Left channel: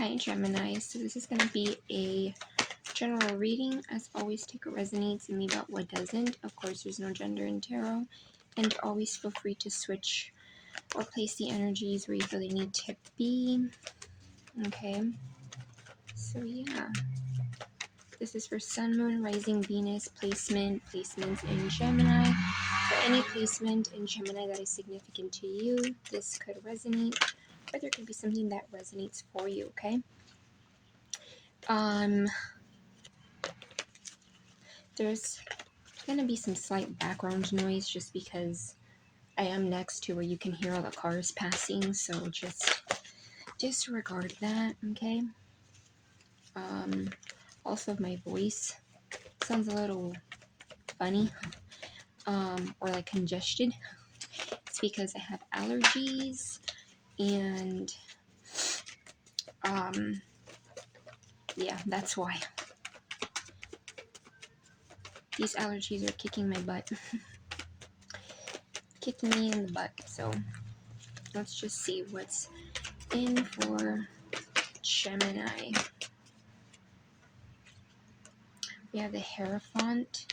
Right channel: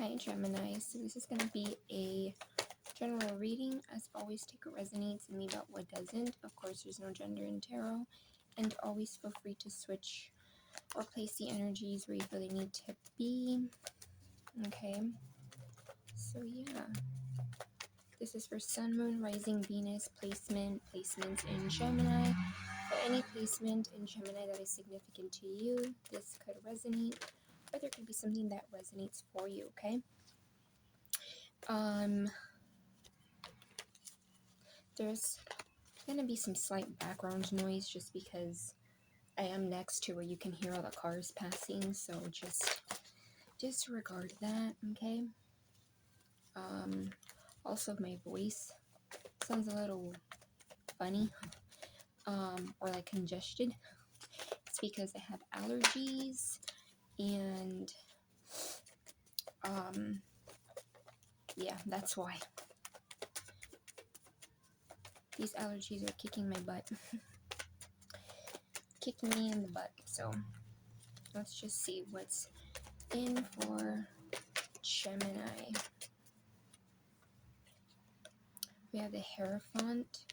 Hi Gemini, so this is going to be a general reading. As always, take what resonates and leave out what doesn't. Of course, there's no gender in tarot, and always feel free to switch or place the energies where you feel they need to be. Okay, so yeah, this is for Sun, Moon, Rising, Venus, placements in Gemini. For any placement in Gemini that is significant to you, this could resonate, or there could be something that resonates for you, okay? There's gonna be some slight background noise just because I am next to where you can hear all the cars passing, so just disregard that, okay? Also my voice sounds a little funny, or like congested. It's because I have allergies and yeah, that's why. These allergies are kicking my butt. Kicking me in the butt. So let's just see what's in for Gemini. We have the Hierophant,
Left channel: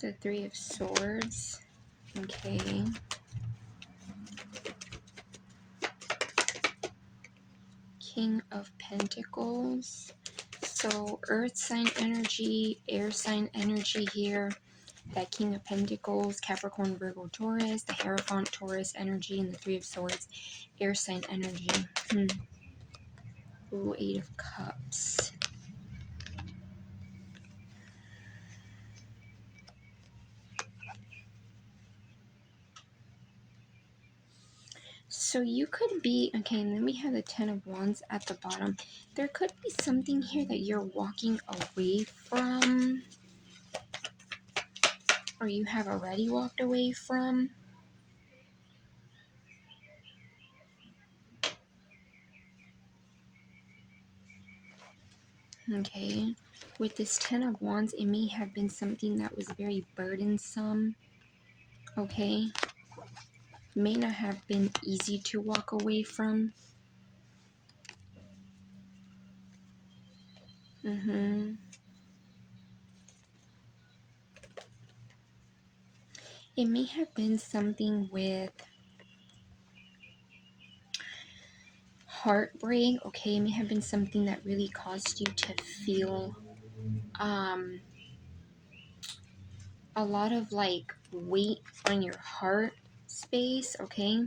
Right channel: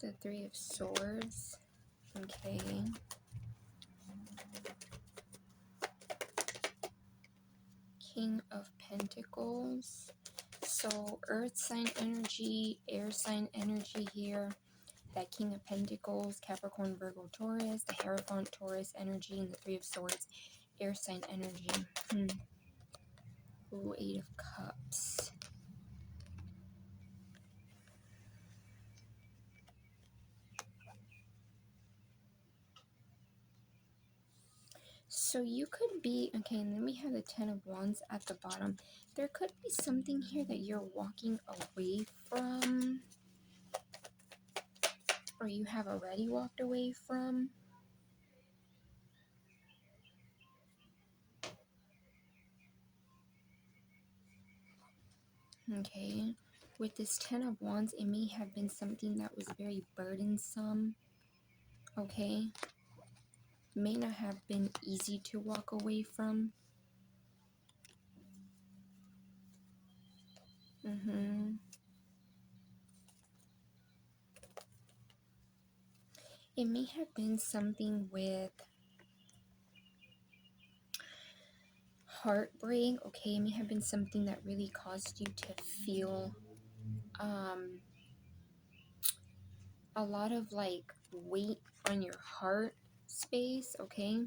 the Three of Swords, okay, King of Pentacles. So earth sign energy, air sign energy here, that King of Pentacles, Capricorn, Virgo, Taurus, the Hierophant, Taurus energy, and the Three of Swords, air sign energy. Ooh, Eight of Cups. So you could be, okay, and then we have the Ten of Wands at the bottom. There could be something here that you're walking away from, or you have already walked away from. Okay, with this Ten of Wands, it may have been something that was very burdensome. Okay, may not have been easy to walk away from. It may have been something with heartbreak. Okay, it may have been something that really caused you to feel a lot of like weight on your heart space. Okay.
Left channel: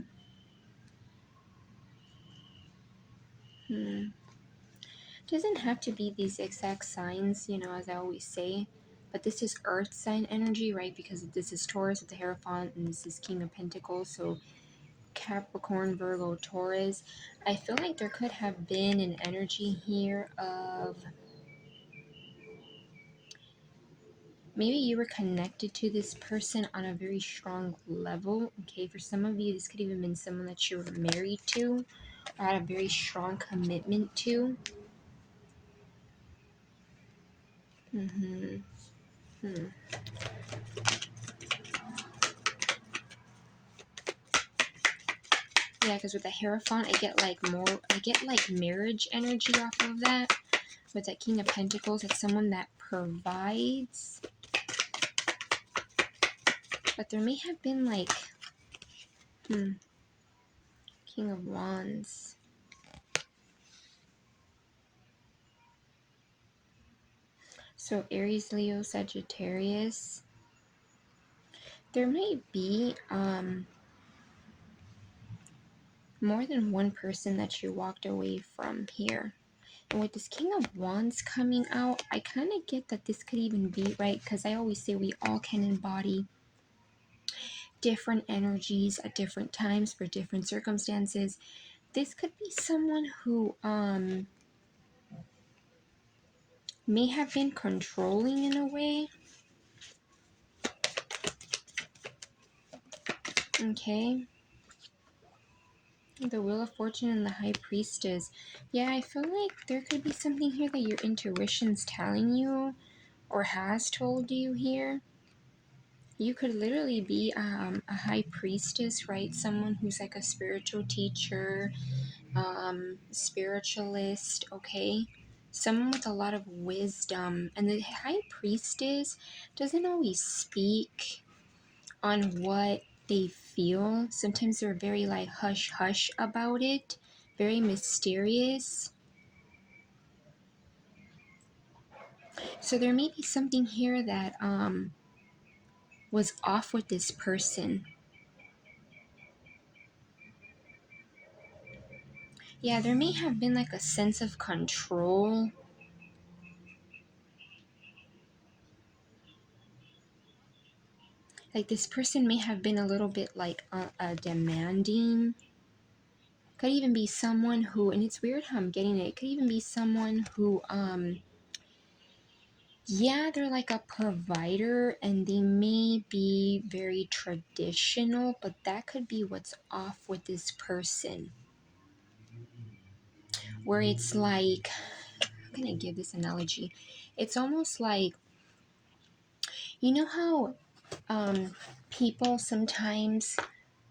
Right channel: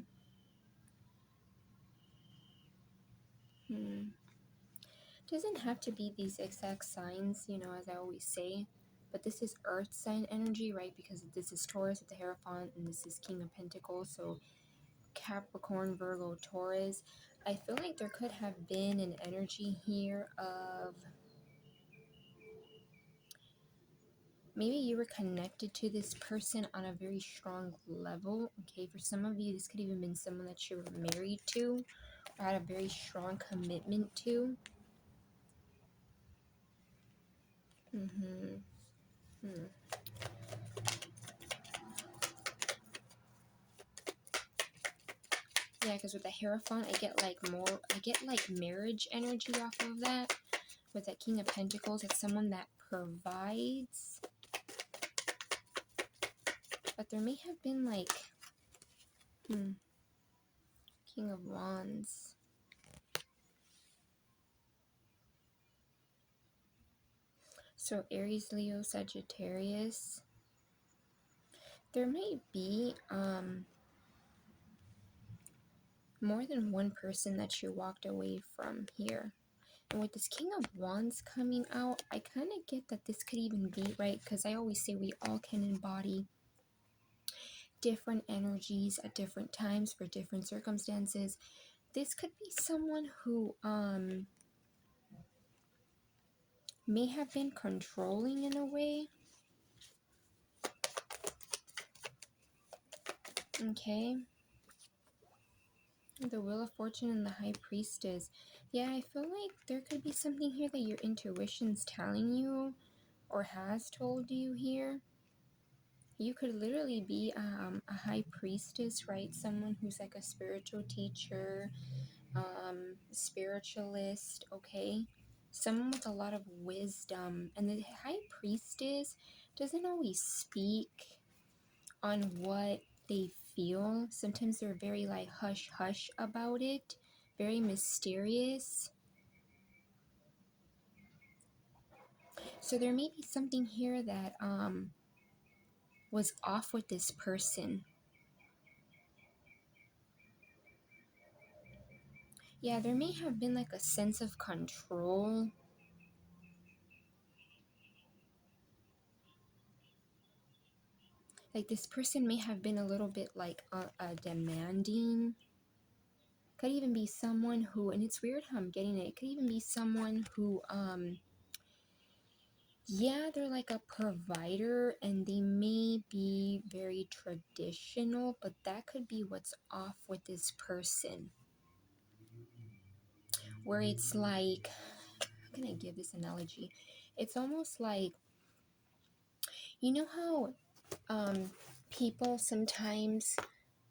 Doesn't have to be these exact signs, you know, as I always say, but this is earth sign energy, right? Because this is Taurus with the Hierophant, and this is King of Pentacles, so Capricorn, Virgo, Taurus. I feel like there could have been an energy here of maybe you were connected to this person on a very strong level. Okay, for some of you, this could even been someone that you were married to or had a very strong commitment to. Yeah, because with the Hierophant, I get like marriage energy off of that. With that King of Pentacles, it's someone that provides. But there may have been like, King of Wands. So Aries, Leo, Sagittarius. There may be more than one person that you walked away from here. And with this King of Wands coming out, I kind of get that this could even be, right? Because I always say we all can embody different energies at different times for different circumstances. This could be someone who may have been controlling in a way. Okay. The Wheel of Fortune and the High Priestess. Yeah, I feel like there could be something here that your intuition's telling you or has told you here. You could literally be a high priestess, right? Someone who's like a spiritual teacher, spiritualist, okay? Someone with a lot of wisdom. And the high priestess doesn't always speak on what they feel. Sometimes they're very like hush hush about it, very mysterious. So there may be something here that was off with this person. Yeah, there may have been like a sense of control. Like this person may have been a little bit like demanding. Could even be someone who, and it's weird how I'm getting it, could even be someone who, yeah, they're like a provider and they may be very traditional, but that could be what's off with this person. Where it's like, how can I give this analogy? It's almost like, you know how people sometimes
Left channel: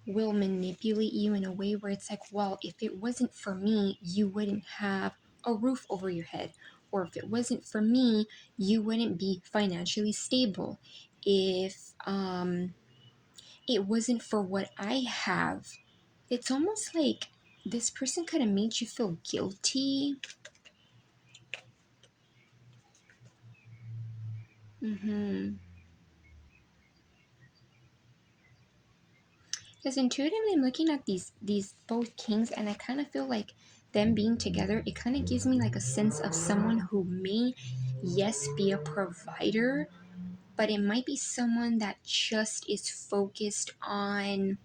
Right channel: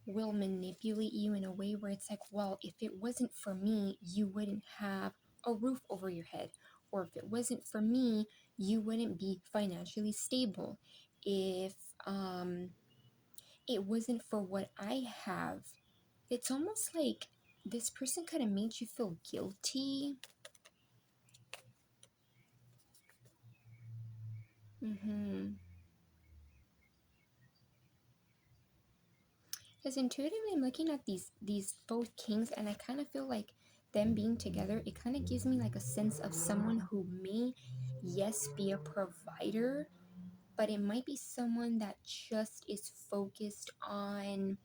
will manipulate you in a way where it's like, well, if it wasn't for me, you wouldn't have a roof over your head. Or if it wasn't for me, you wouldn't be financially stable. If it wasn't for what I have, it's almost like this person could have made you feel guilty. Because intuitively, I'm looking at these both kings, and I kind of feel like them being together, it kind of gives me like a sense of someone who may, yes, be a provider, but it might be someone that just is focused on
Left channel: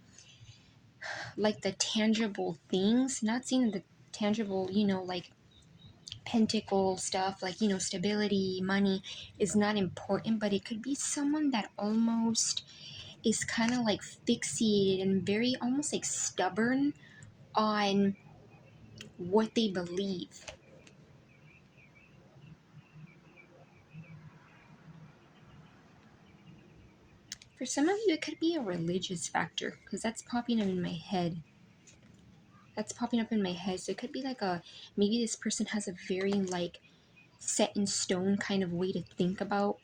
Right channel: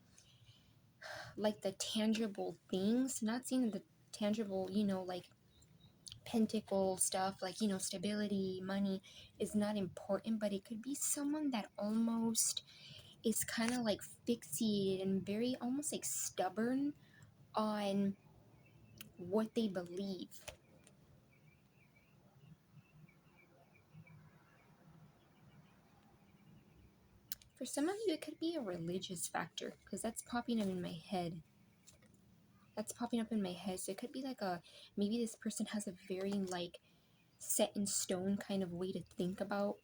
like the tangible things, not seeing the tangible, like pentacle stuff, like, stability, money is not important, but it could be someone that almost is kind of like fixated and very almost like stubborn on what they believe. For some of you, it could be a religious factor because that's popping up in my head. So it could be like maybe this person has a very like set in stone kind of way to think about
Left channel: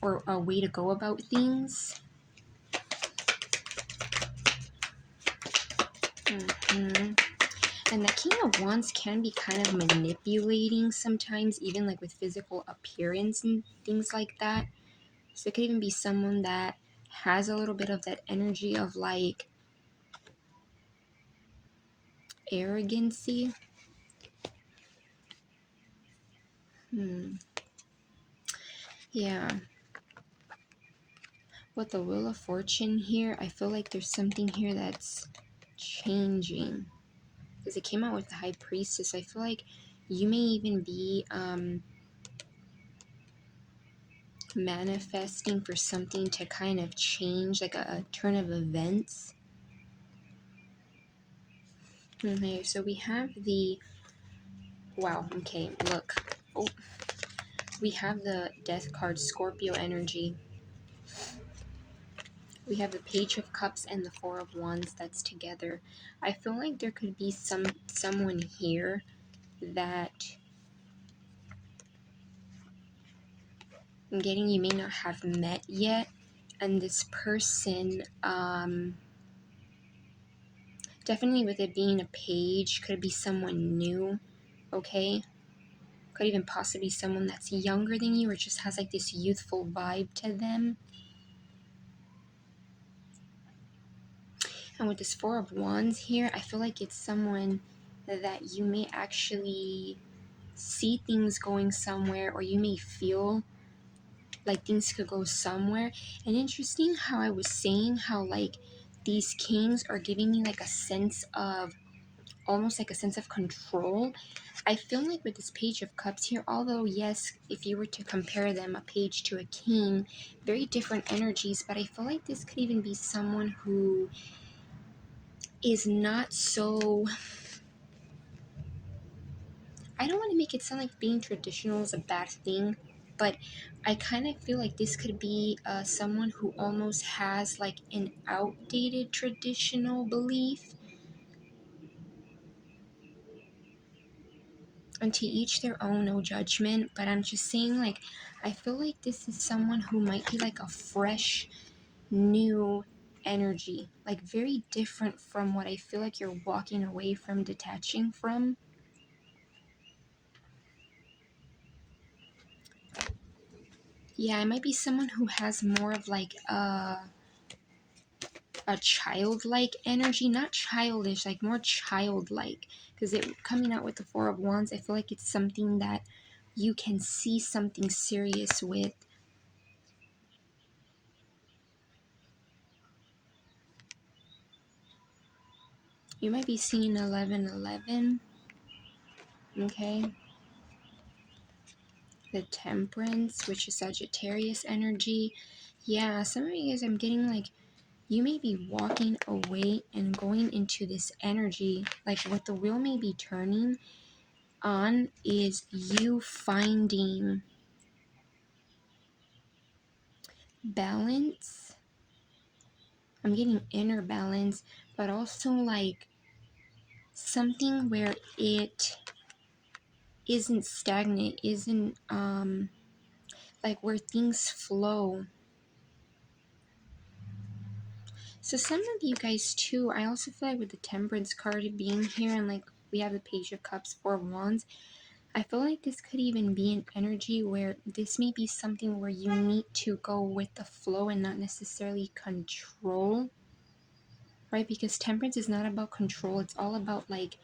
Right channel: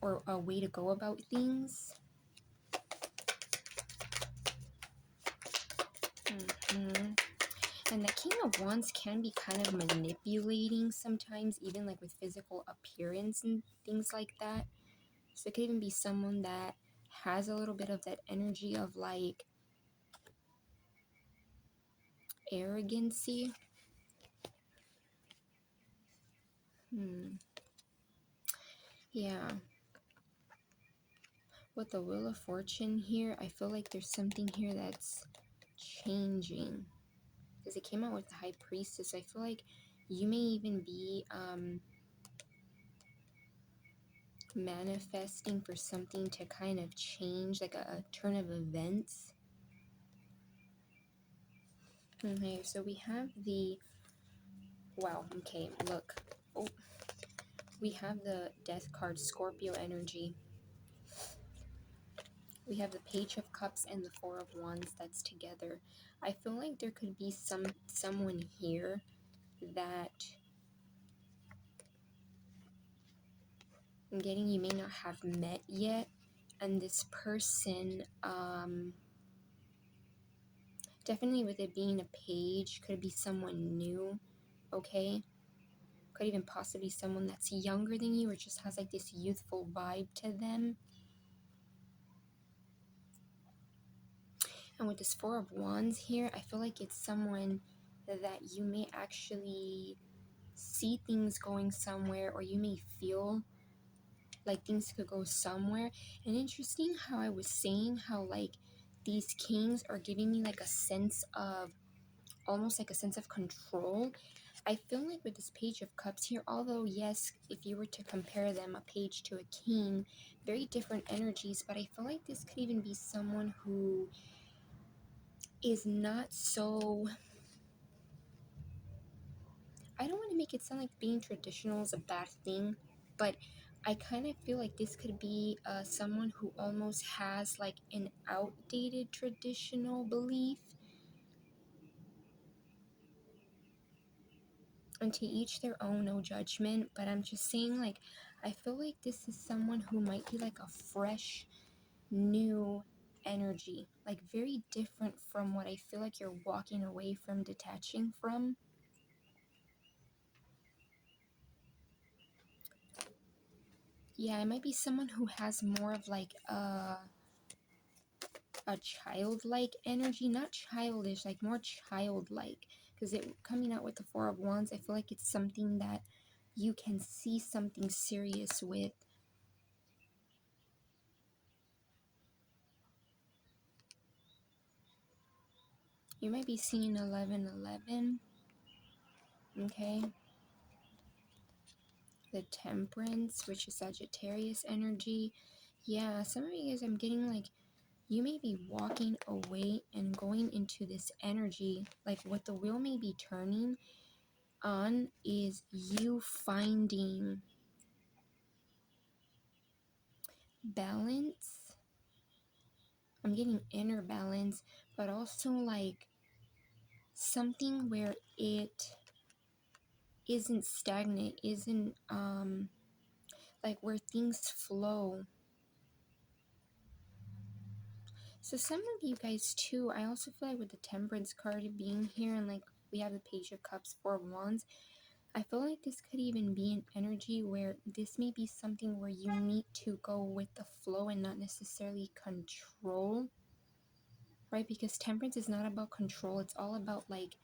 or a way to go about things. And the King of Wands can be kind of manipulating sometimes, even like with physical appearance and things like that. So it could even be someone that has a little bit of that energy of like arrogancy. Yeah. With the Wheel of Fortune here, I feel like there's something here that's changing. Because it came out with the High Priestess. I feel like you may even be manifesting for something to kind of change, like a turn of events. Okay, so we have the... Wow, okay, look. Oh, we have the Death card, Scorpio energy. We have the Page of Cups and the Four of Wands that's together. I feel like there could be someone here that I'm getting you may not have met yet, and this person, definitely with it being a page, could be someone new, okay? Could even possibly be someone that's younger than you or just has like this youthful vibe to them. And with this Four of Wands here, I feel like it's someone that you may actually see things going somewhere, or you may feel like things could go somewhere. And interesting how I was saying how like these kings are giving me like a sense of, almost like a sense of control. I feel like with this Page of Cups here, although yes, if you were to compare them, a page to a king, very different energies, but I feel like this could even be someone who is not so... I don't want to make it sound like being traditional is a bad thing, but I kind of feel like this could be someone who almost has like an outdated traditional belief. And to each their own, no judgment. But I'm just saying, like, I feel like this is someone who might be like a fresh, new energy. Like, very different from what I feel like you're walking away from, detaching from. Yeah, it might be someone who has more of like a childlike energy, not childish, like more childlike. Because it coming out with the Four of Wands, I feel like it's something that you can see something serious with. You might be seeing 1111. Okay. The Temperance, which is Sagittarius energy. Yeah, some of you guys, I'm getting like, you may be walking away and going into this energy. Like, what the wheel may be turning on is you finding balance. I'm getting inner balance, but also like something where it isn't stagnant, isn't like where things flow. So some of you guys too, I also feel like with the Temperance card being here and like we have the Page of Cups, Four of Wands, I feel like this could even be an energy where this may be something where you need to go with the flow and not necessarily control, right? Because Temperance is not about control, it's all about like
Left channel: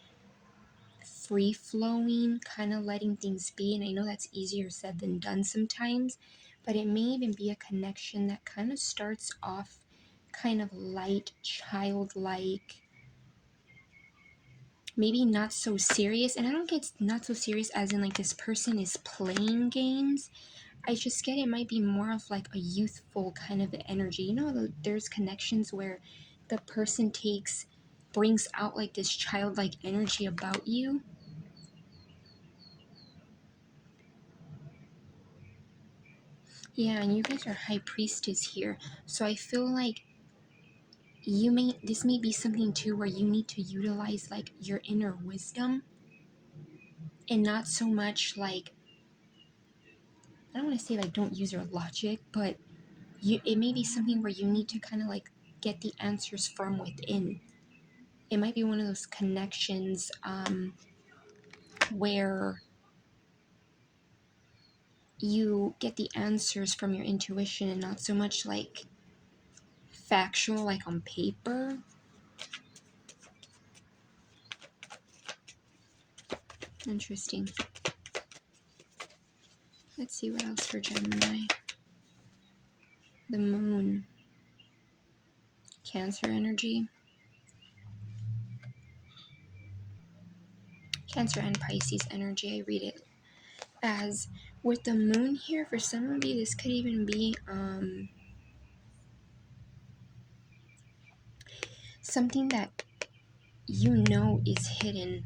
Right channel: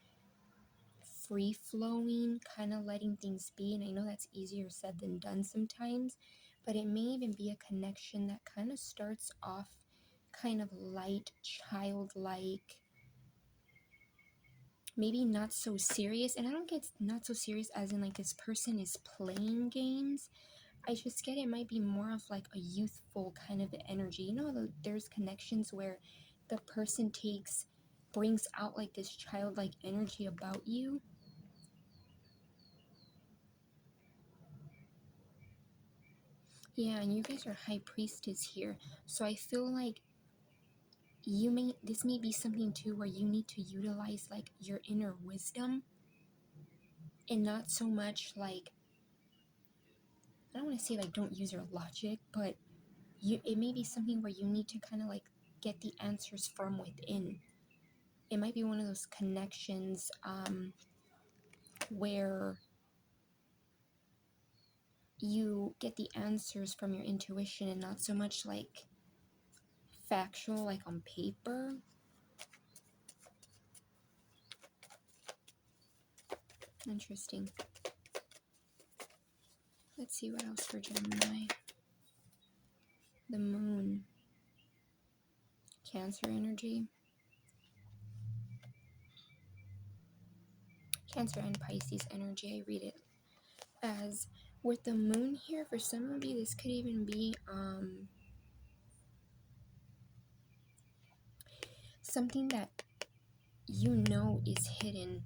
free flowing, kind of letting things be. And I know that's easier said than done sometimes, but it may even be a connection that kind of starts off kind of light, childlike, maybe not so serious. And I don't get not so serious as in like this person is playing games. I just get it might be more of like a youthful kind of energy. You know, there's connections where the person brings out like this childlike energy about you. Yeah, and you guys are High Priestess here. So I feel like this may be something too where you need to utilize like your inner wisdom and not so much like, I don't want to say like don't use your logic, but it may be something where you need to kind of like get the answers from within. It might be one of those connections where you get the answers from your intuition and not so much like factual, like on paper. Interesting. Let's see what else for Gemini. The Moon. Cancer energy. Cancer and Pisces energy. I read it as with the Moon here. For some of you, this could even be something that you know is hidden.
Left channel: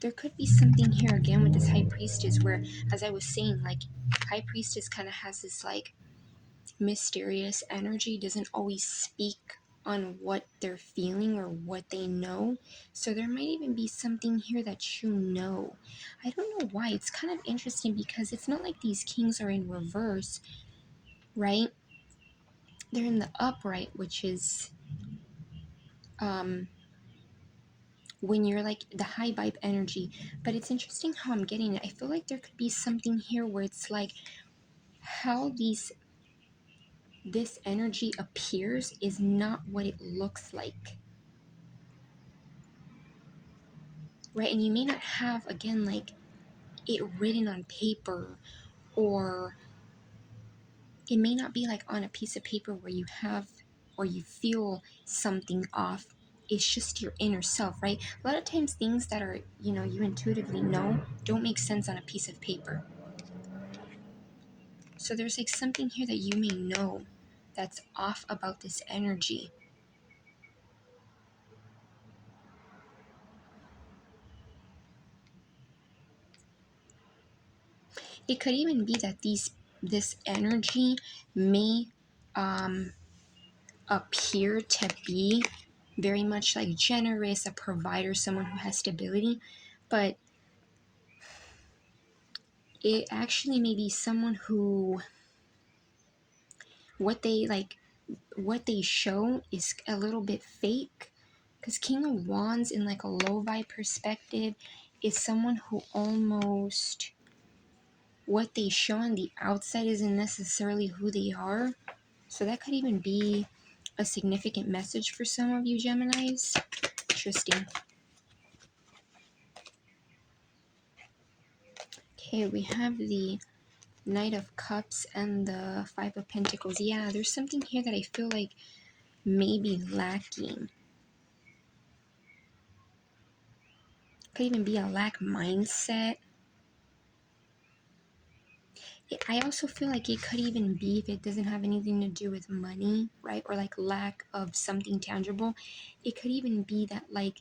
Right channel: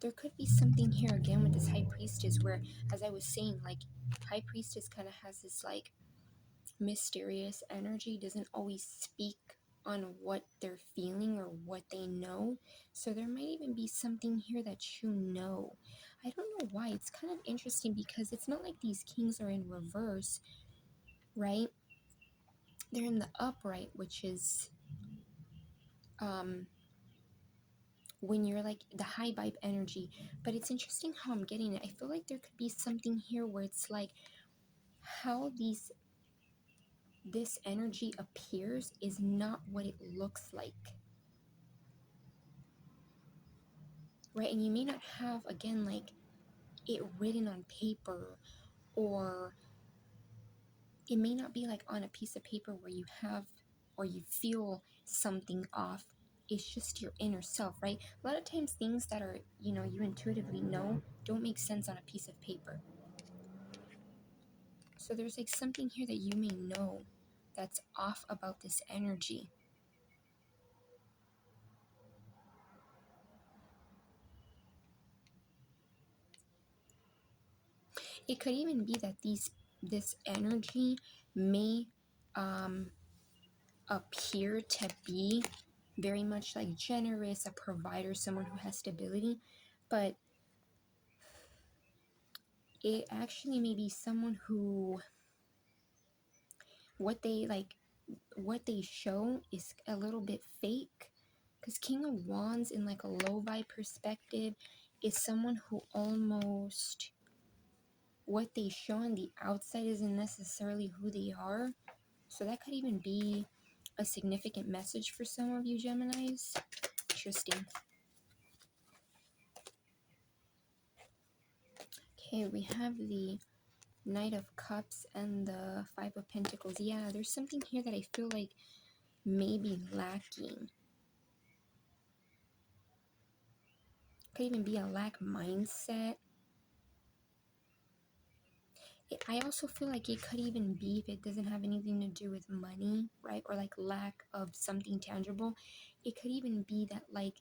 There could be something here again with this High Priestess where, as I was saying, like High Priestess kind of has this like mysterious energy, doesn't always speak on what they're feeling or what they know. So there might even be something here that you know. I don't know why. It's kind of interesting because it's not like these kings are in reverse, right? They're in the upright, which is when you're like the high vibe energy. But it's interesting how I'm getting it. I feel like there could be something here where it's like how this energy appears is not what it looks like, right? And you may not have again like it written on paper, or it may not be like on a piece of paper where you have or you feel something off. It's just your inner self, right? A lot of times things that are, you intuitively know don't make sense on a piece of paper. So there's like something here that you may know that's off about this energy. It could even be that this energy may appear to be very much like generous, a provider, someone who has stability, but it actually may be someone who what they show is a little bit fake, because King of Wands in like a low vibe perspective is someone who almost what they show on the outside isn't necessarily who they are. So that could even be a significant message for some of you Geminis. Interesting. Okay, we have the Knight of Cups and the Five of Pentacles. Yeah, there's something here that I feel like may be lacking. Could even be a lack mindset. I also feel like it could even be, if it doesn't have anything to do with money, right? Or like lack of something tangible. It could even be that like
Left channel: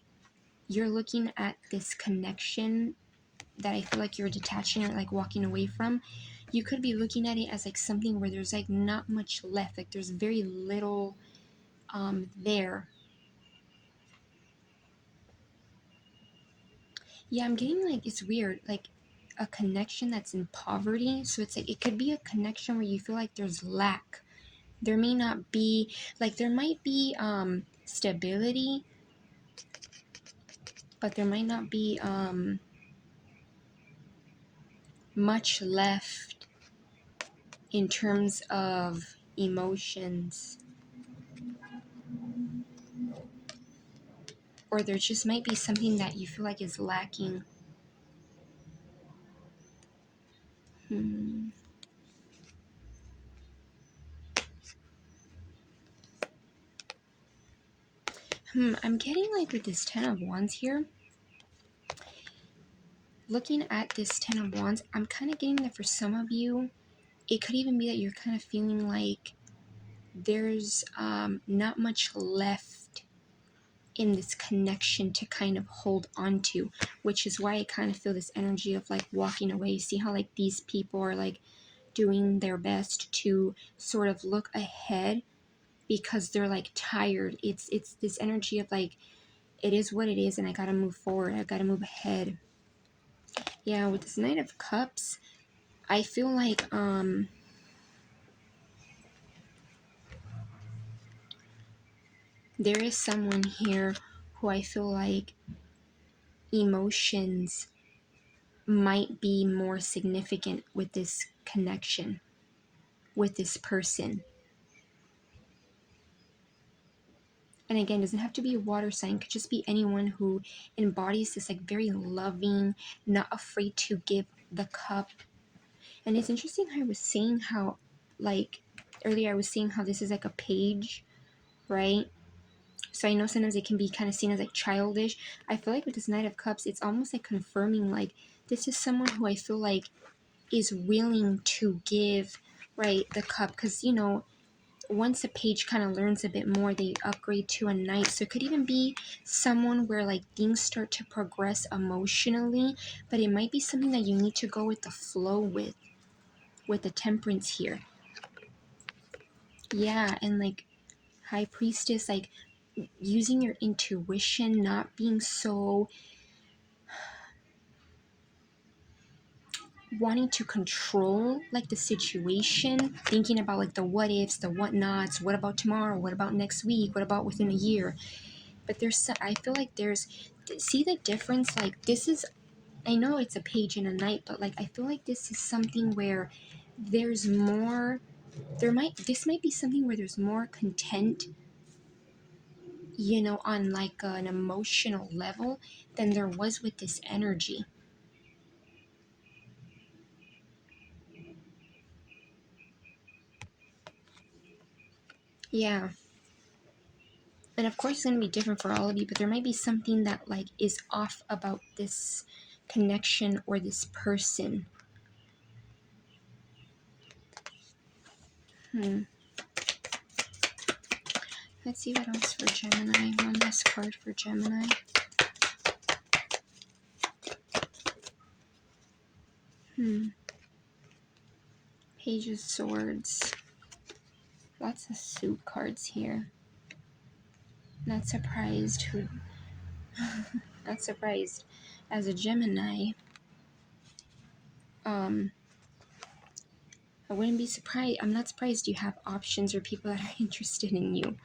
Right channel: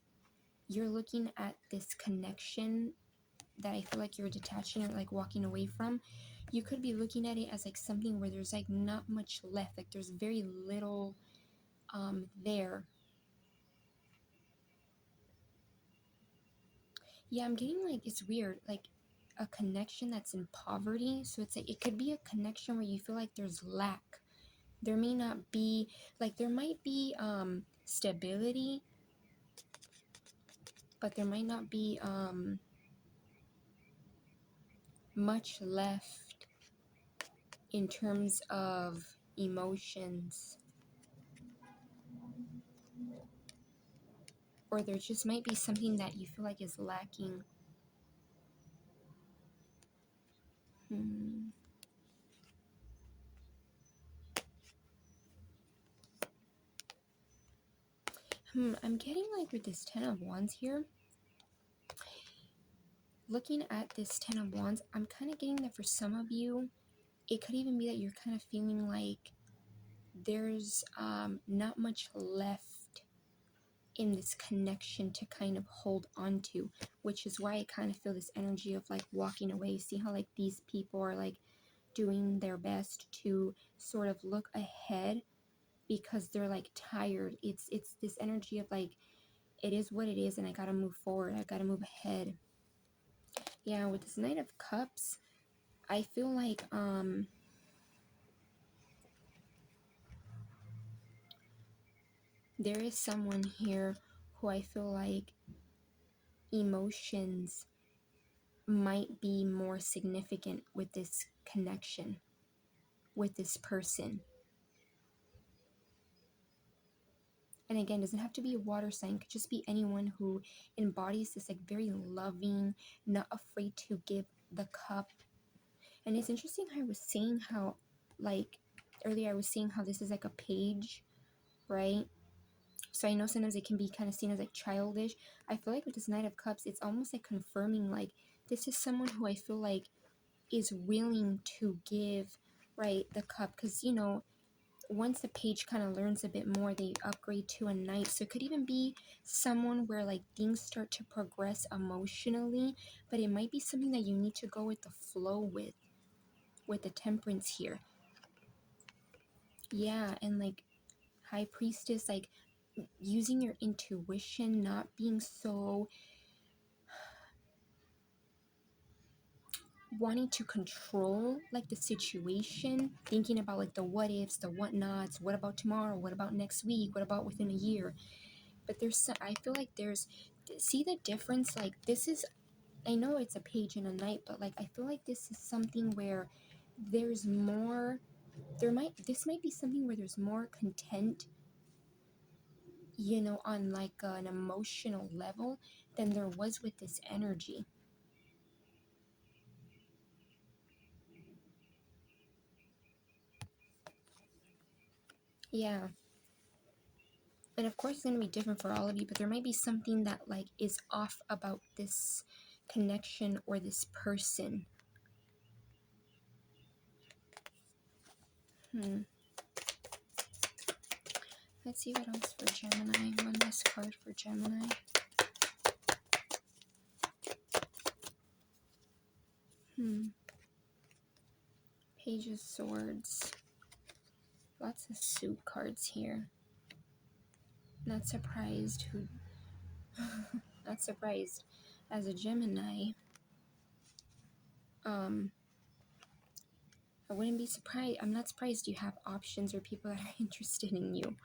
you're looking at this connection that I feel like you're detaching or like walking away from. You could be looking at it as like something where there's like not much left. Like there's very little there. Yeah, I'm getting like, it's weird, like a connection that's in poverty. So it's like, it could be a connection where you feel like there's lack. There may not be, like there might be stability, but there might not be much left in terms of emotions. Or there just might be something that you feel like is lacking. I'm getting like with this Ten of Wands here, looking at this Ten of Wands, I'm kind of getting that for some of you, it could even be that you're kind of feeling like there's not much left in this connection to kind of hold on to, which is why I kind of feel this energy of like walking away. See how like these people are like doing their best to sort of look ahead because they're like tired. It's this energy of like, it is what it is and I gotta move forward, I gotta move ahead. Yeah, with this Knight of Cups, I feel like there is someone here who I feel like emotions might be more significant with this connection, with this person. And again, doesn't have to be a water sign, could just be anyone who embodies this like very loving, not afraid to give the cup. And it's interesting how I was saying how, like earlier I was saying how this is like a page, right? So I know sometimes it can be kind of seen as like childish. I feel like with this Knight of Cups, it's almost like confirming like this is someone who I feel like is willing to give, right, the cup. Because, you know, once a page kind of learns a bit more, they upgrade to a knight. So it could even be someone where like things start to progress emotionally, but it might be something that you need to go with the flow with the Temperance here. Yeah, and like High Priestess, like using your intuition, not being so wanting to control like the situation, thinking about like the what ifs, the what nots, what about tomorrow, what about next week, what about within a year. But I feel like there's, see the difference, like this is, I know it's a page and a knight, but like I feel like this is something where there's more, this might be something where there's more content, you know, on like an emotional level than there was with this energy. Yeah. And of course it's going to be different for all of you, but there might be something that like is off about this connection or this person. Let's see what else for Gemini. One last card for Gemini. Page of Swords. Lots of suit cards here. Not surprised who... not surprised. As a Gemini, I wouldn't be surprised. I'm not surprised you have options or people that are interested in you.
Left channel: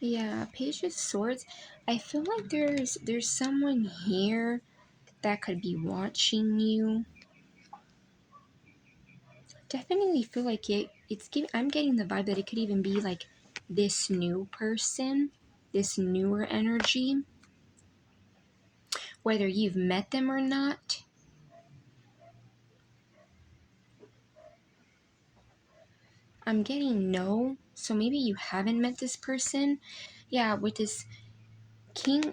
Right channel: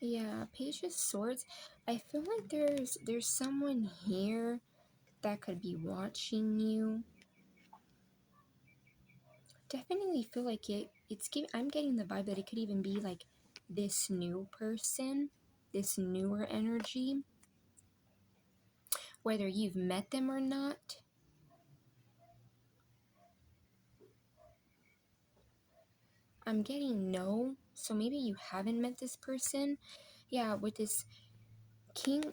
Yeah, Page of Swords. I feel like there's someone here that could be watching you. Definitely feel like I'm getting the vibe that it could even be like this new person, this newer energy. Whether you've met them or not. I'm getting no, so maybe you haven't met this person. Yeah, with this king,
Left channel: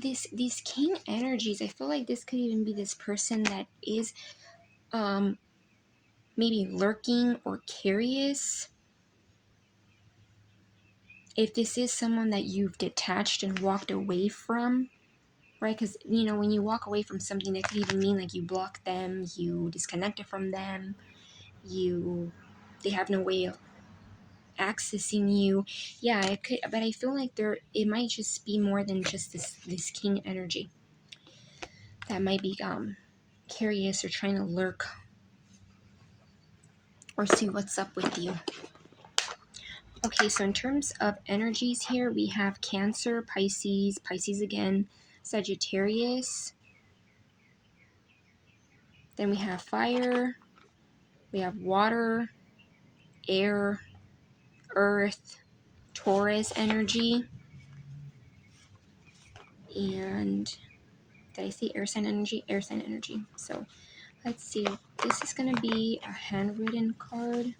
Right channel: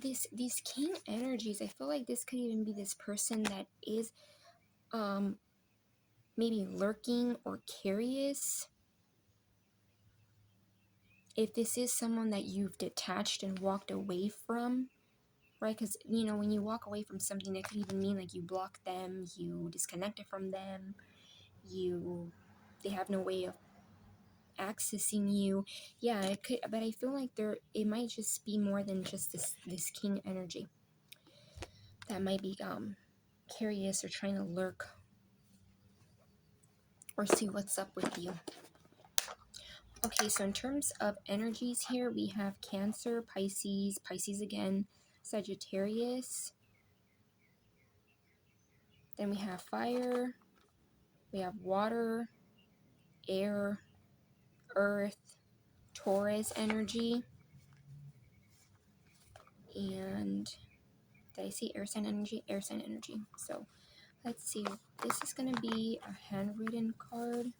these king energies, I feel like this could even be this person that is maybe lurking or curious. If this is someone that you've detached and walked away from, right? Because, you know, when you walk away from something, that could even mean like you block them, you disconnected from them, they have no way of accessing you. Yeah, it could, but I feel like it might just be more than just this king energy that might be curious or trying to lurk or see what's up with you. Okay, so in terms of energies here, we have Cancer, Pisces again, Sagittarius. Then we have fire, we have water, air, earth, Taurus energy, and did I say air sign energy? Air sign energy. So let's see. This is going to be a handwritten card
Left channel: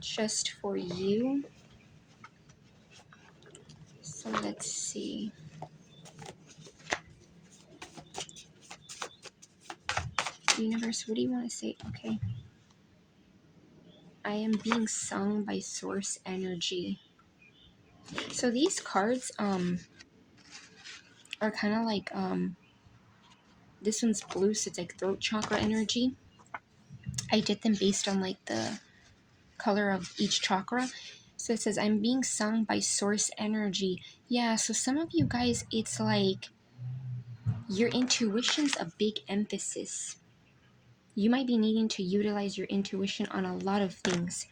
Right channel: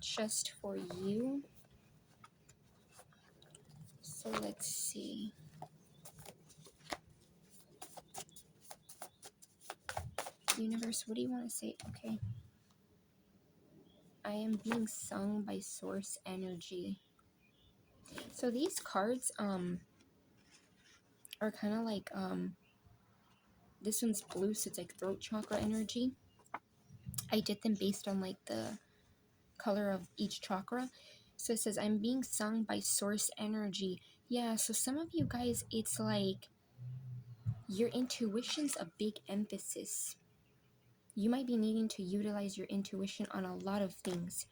just for you. So let's see. Universe, what do you want to say? Okay. I am being sung by source energy. So these cards are kind of like this one's blue, so it's like throat chakra energy. I did them based on like the color of each chakra. So it says I'm being sung by source energy. Yeah, so some of you guys, it's like your intuition's a big emphasis. You might be needing to utilize your intuition on a lot of things.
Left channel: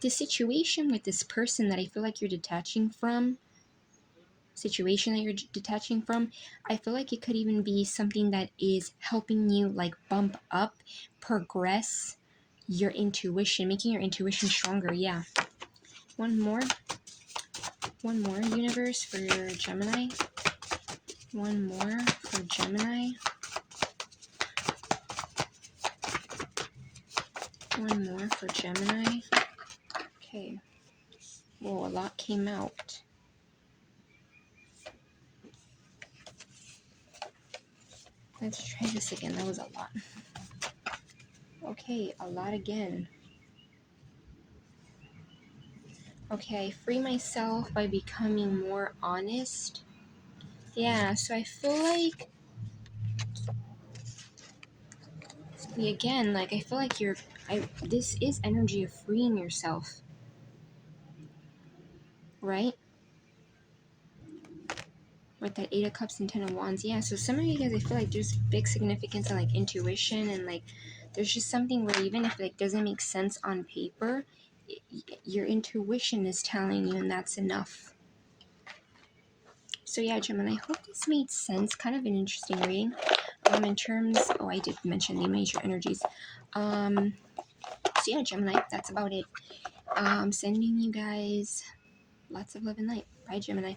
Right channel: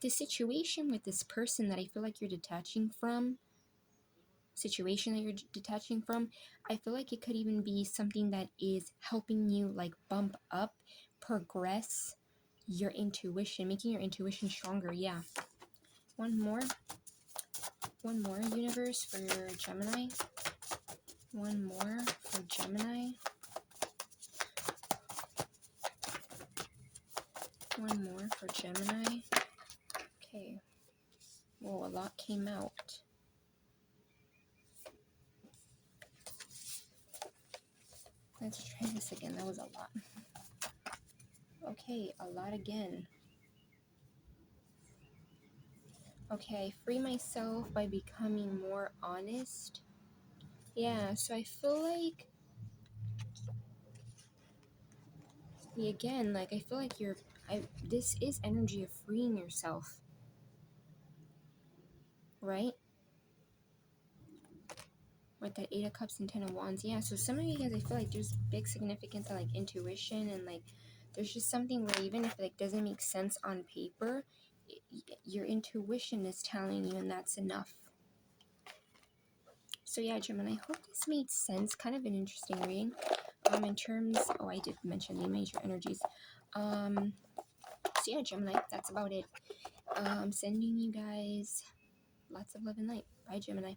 The situation with this person that I feel like you're detaching from, I feel like it could even be something that is helping you like bump up, progress your intuition, making your intuition stronger. Yeah. One more universe for Gemini. One more for Gemini. One more for Gemini. Okay. Whoa, a lot came out. Let's try this again. That was a lot. Okay, a lot again. Okay, I free myself by becoming more honest. Yeah, so I feel like, again, like I feel like this is energy of freeing yourself, right? With that 8 of Cups and 10 of Wands. Yeah, so some of you guys, I feel like there's big significance on like intuition, and like there's just something where even if it like doesn't make sense on paper, your intuition is telling you, and that's enough. So yeah, Gemini, I hope this made sense. Kind of an interesting reading. In terms, I did mention the major energies. So yeah, Gemini, that's about it. Sending you guys lots of love and light. Bye, Gemini.